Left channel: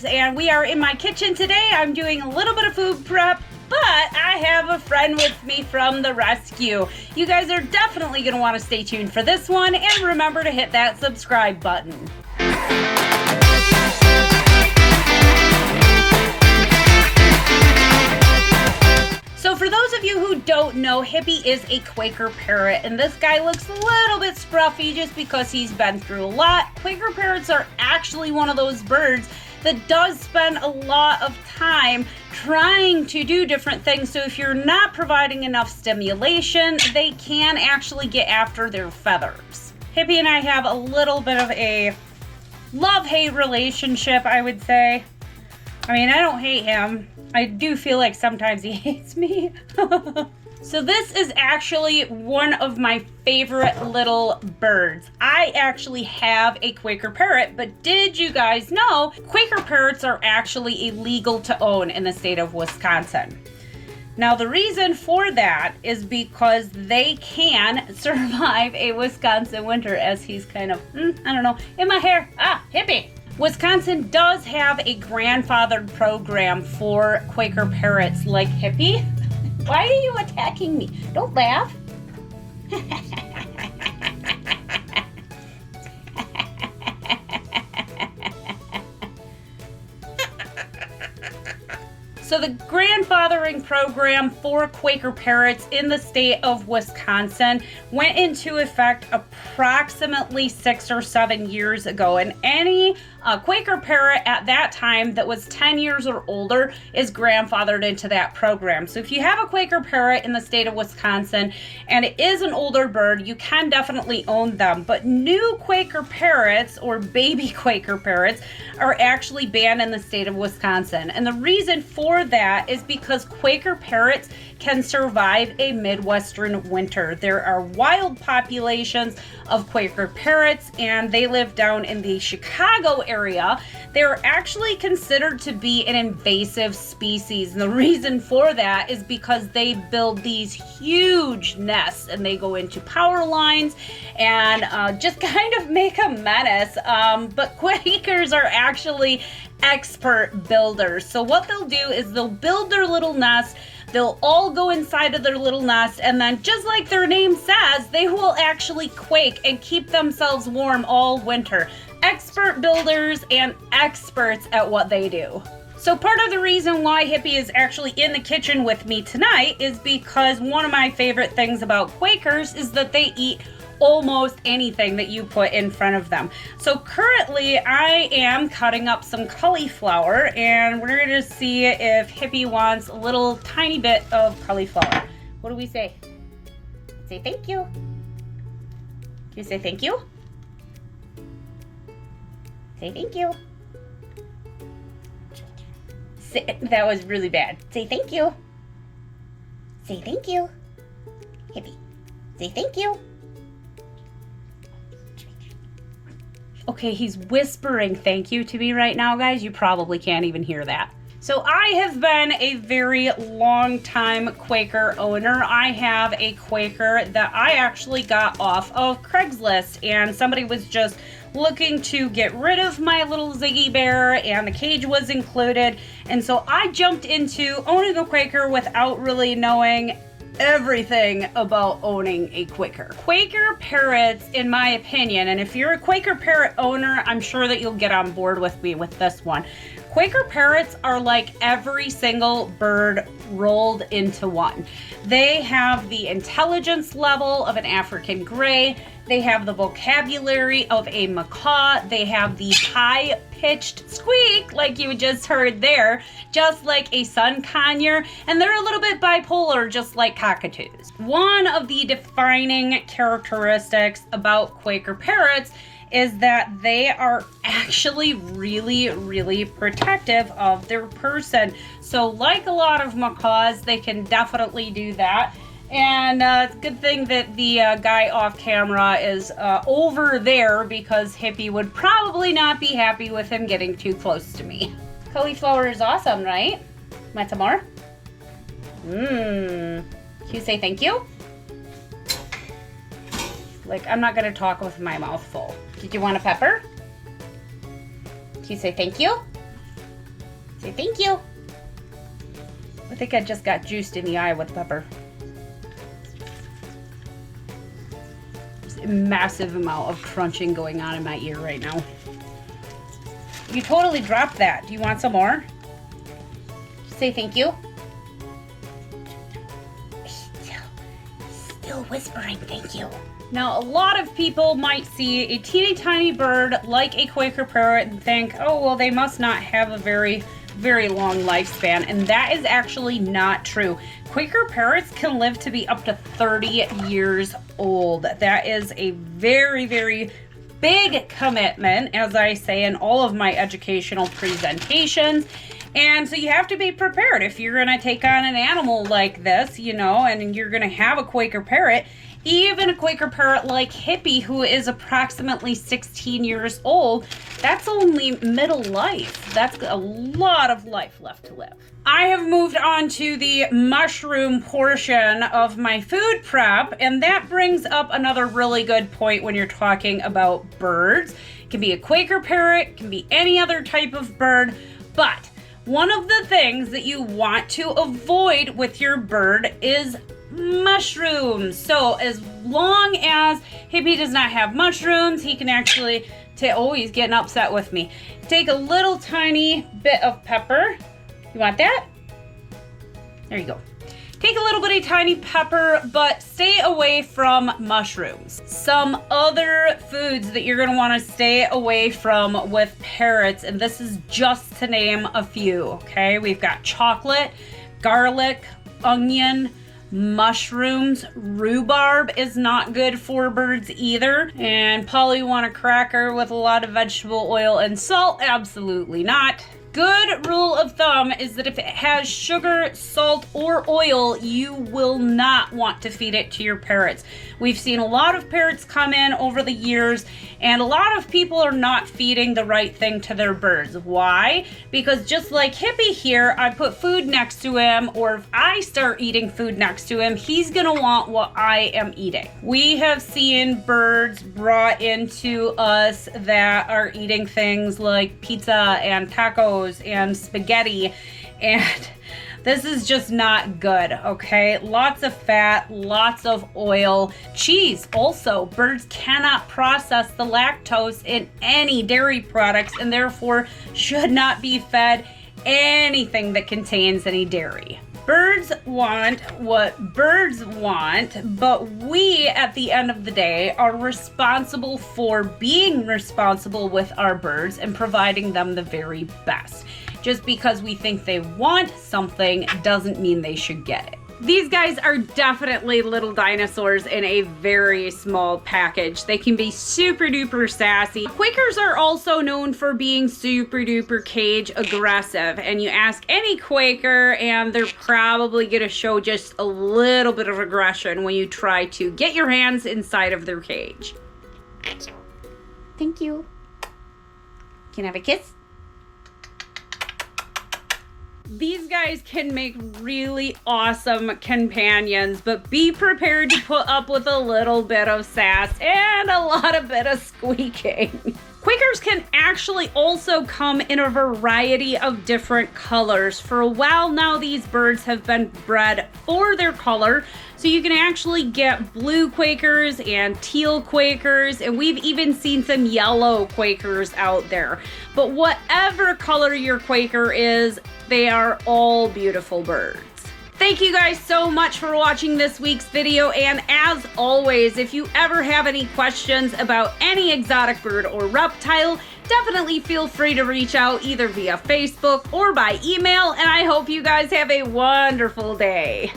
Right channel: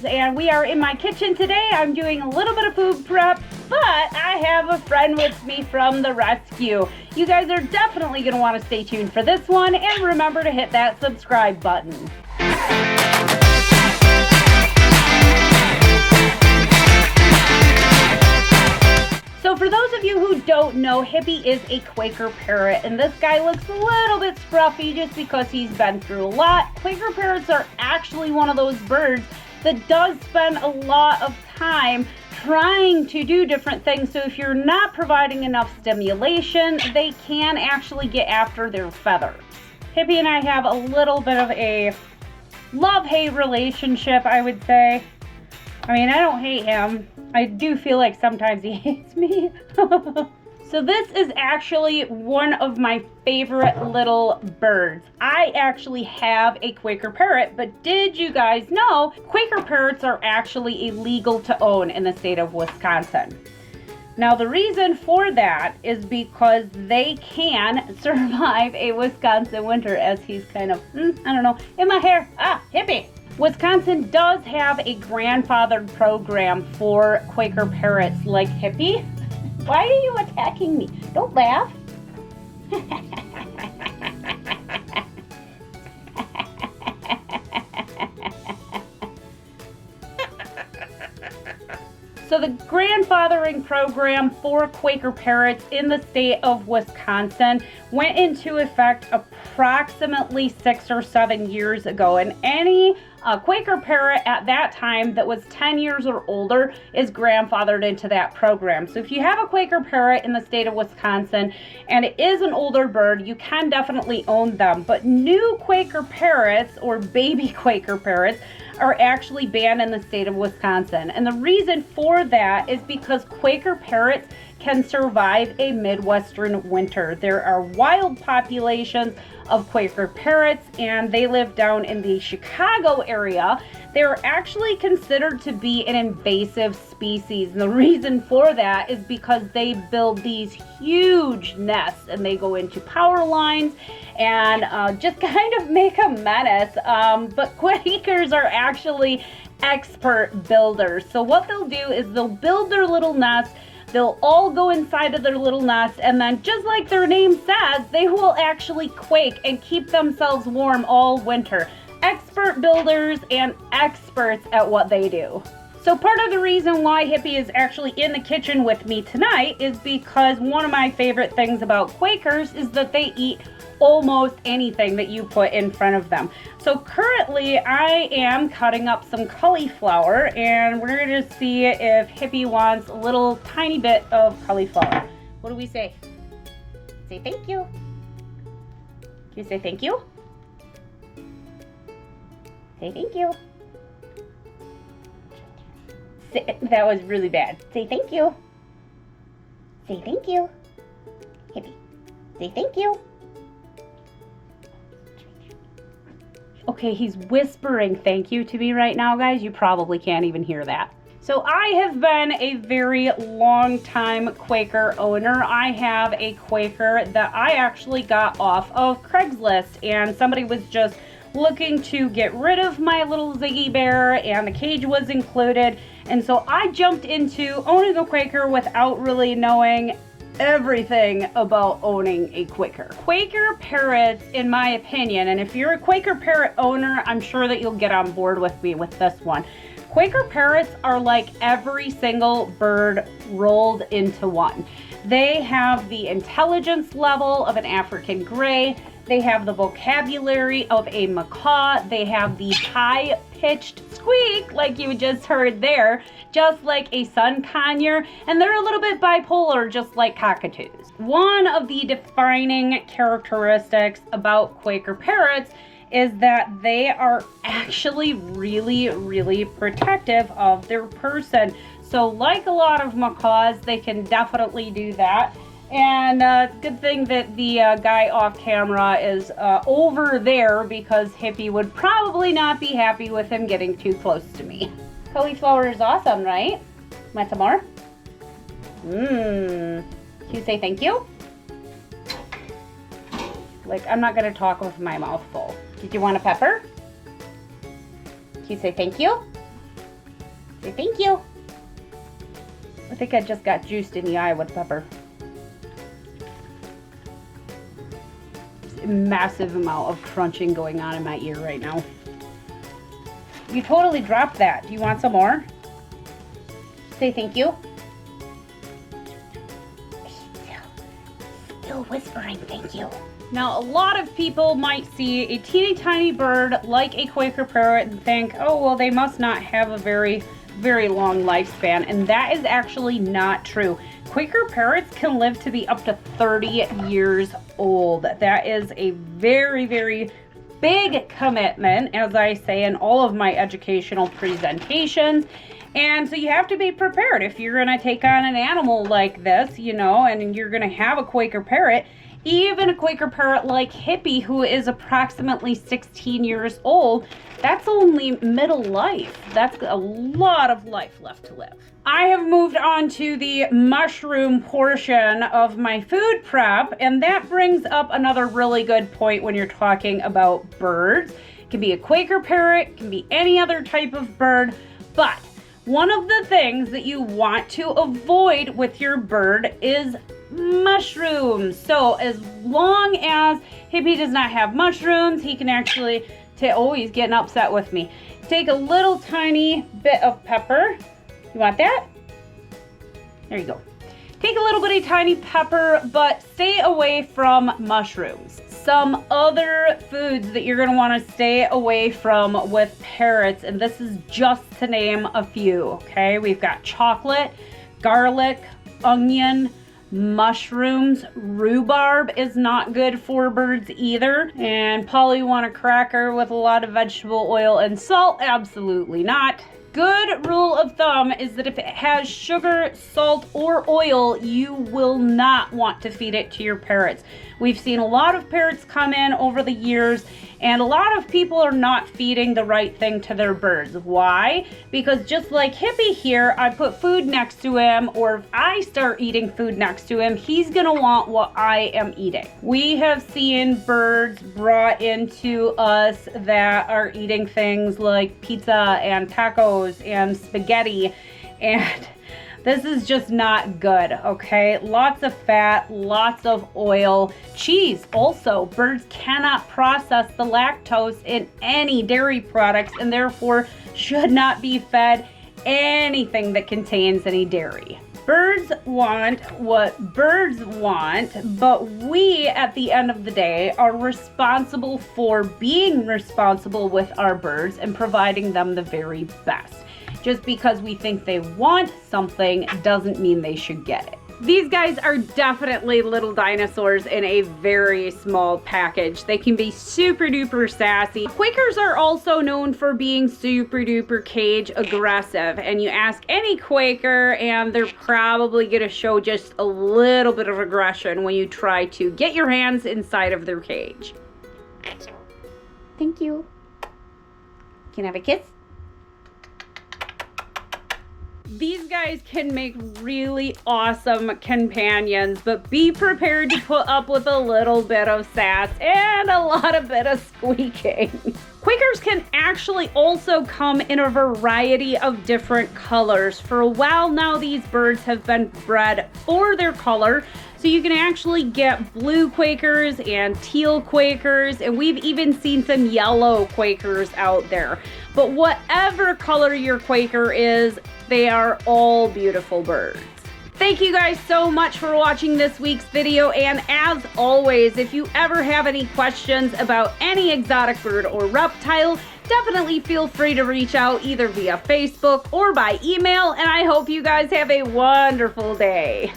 LARRS, and we are in my kitchen today. I'm doing a little bit of food prep, but I have a friend with me from the rescue. You guys are definitely going to want to stay tuned for this one, and remember to hit that subscribe button. So for those of you who don't know, Hippie is a Quaker parrot, and this guy looks a little bit scruffy just because he's been through a lot. Quaker parrots are actually one of those birds that does spend a lot of time trying to do different things. So if you're not providing enough stimulation, they can actually get after their feathers. Hippie and I have a little bit of a love-hate relationship, I would say. I mean, I don't hate him. I do feel like sometimes he hates me. So this is actually one of my favorite little birds. I actually have a Quaker parrot, but did you guys know Quaker parrots are actually illegal to own in the state of Wisconsin? Now the reason for that is because they can survive a Wisconsin winter, as he's kind of, I don't know, in my hair. Hippie. Wisconsin does have a grandfathered program for Quaker parrots like Hippie. Why are you attacking me? Don't laugh. So the grandfathering program for Quaker parrots in the state of Wisconsin went into effect approximately 6 or 7 years ago, and any Quaker parrot at that time that was 10 years or older is grandfathered into that program. So if you have a Quaker parrot in the state of Wisconsin and it is an older bird, you can definitely own them. But new Quaker parrots or baby Quaker parrots are actually banned in the state of Wisconsin. And the reason for that is because Quaker parrots can survive a Midwestern winter. There are wild populations of Quaker parrots, and they live down in the Chicago area. They're actually considered to be an invasive species, and the reason for that is because they build these huge nests and they go into power lines and just kind of make a menace. But Quakers are actually expert builders. So what they'll do is they'll build their little nest. They'll all go inside of their little nest, and then just like their name says, they will actually quake and keep themselves warm all winter. Expert builders and experts at what they do. So part of the reason why Hippie is actually in the kitchen with me tonight is because one of my favorite things about Quakers is that they eat almost anything that you put in front of them. So currently I am cutting up some cauliflower, and we're gonna see if Hippie wants a little tiny bit of cauliflower. What do we say? Say thank you. Can you say thank you? Say thank you. That was really bad. Say thank you. Say thank you. Hippie, say thank you. Okay, he's whispering thank you to me right now, guys. You probably can't even hear that. So I have been a very long time Quaker owner. I have a Quaker that I actually got off of Craigslist, and somebody was just looking to get rid of my little Ziggy bear, and the cage was included. And so I jumped into owning a Quaker without really knowing everything about owning a Quaker. Quaker parrots, in my opinion, and if you're a Quaker parrot owner, I'm sure that you'll get on board with me with this one. Quaker parrots are like every single bird rolled into one. They have the intelligence level of an African gray. They have the vocabulary of a macaw. They have the high-pitched squeak, like you just heard there, just like a sun conure, and they're a little bit bipolar, just like cockatoos. One of the defining characteristics about Quaker parrots is that they are actually really, really protective of their person. So like a lot of macaws, they can definitely do that. And it's a good thing that the guy off camera is over there, because Hippie would probably not be happy with him getting too close to me. Cauliflower is awesome, right? Want some more? Can you say thank you? Like, I'm not gonna talk with my mouth full. Did you want a pepper? Can you say thank you? Say thank you. I think I just got juiced in the eye with pepper. There's a massive amount of crunching going on in my ear right now. You totally dropped that. Do you want some more? Say thank you. Still whispering thank you. Now, a lot of people might see a teeny tiny bird like a Quaker parrot and think, oh, well, they must not have a very long lifespan, and that is actually not true. Quaker parrots can live to be up to 30 years old. That is a very big commitment, as I say in all of my educational presentations. And so you have to be prepared if you're going to take on an animal like this, you know, and you're going to have a Quaker parrot. Even a Quaker parrot like Hippie, who is approximately 16 years old, that's only middle life. That's a lot of life left to live. I have moved on to the mushroom portion of my food prep, and that brings up another really good point when you're talking about birds. It can be a Quaker parrot, it can be any other type of bird, but one of the things that you want to avoid with your bird is mushrooms. So as long as Hippie does not have mushrooms, he can actually oh, he's getting upset with me. Take a little tiny bit of pepper. You want that? There you go. Take a little bitty tiny pepper, but stay away from mushrooms. Some other foods that you're gonna wanna stay away from with parrots, and this is just to name a few, okay? We've got chocolate, garlic, onion, mushrooms. Rhubarb is not good for birds either. And Polly, you want a cracker with a lot of vegetable oil and salt? Absolutely not. Good rule of thumb is that if it has sugar, salt, or oil, you will not want to feed it to your parrots. We've seen a lot of parrots come in over the years, and a lot of people are not feeding the right thing to their birds. Why? Because just like Hippie here, I put food next to him, or if I start eating food next to him, he's gonna want what I am eating. We have seen birds brought into us that are eating things like pizza and tacos and spaghetti, and this is just not good, okay? Lots of fat, lots of oil. Cheese also. Birds cannot process the lactose in any dairy products and therefore should not be fed anything that contains any dairy. Birds want what birds want, but we, at the end of the day, are responsible for being responsible with our birds and providing them the very best. Just because we think they want something doesn't mean they should get it. These guys are definitely little dinosaurs in a very small package. They can be super duper sassy. Quakers are also known for being super duper cage aggressive, and you ask any Quaker and they're probably gonna show just a little bit of aggression when you try to get your hands inside of their cage. Thank you. Can I have a kiss? These guys can make really awesome companions, but be prepared to put up with a little bit of sass and a lot of bit of squeaking. Quakers can actually also come in a variety of different colors. For a while now, these birds have been bred for their color, so you can actually get blue Quakers and teal Quakers, and we've even seen some yellow Quakers out there. But whatever color your Quaker is, they are all beautiful birds. Thank you guys so much for watching this week's video, and as always, if you ever have any questions about any exotic bird or reptile, definitely feel free to reach out either via Facebook or by email, and I hope you guys have a wonderful day.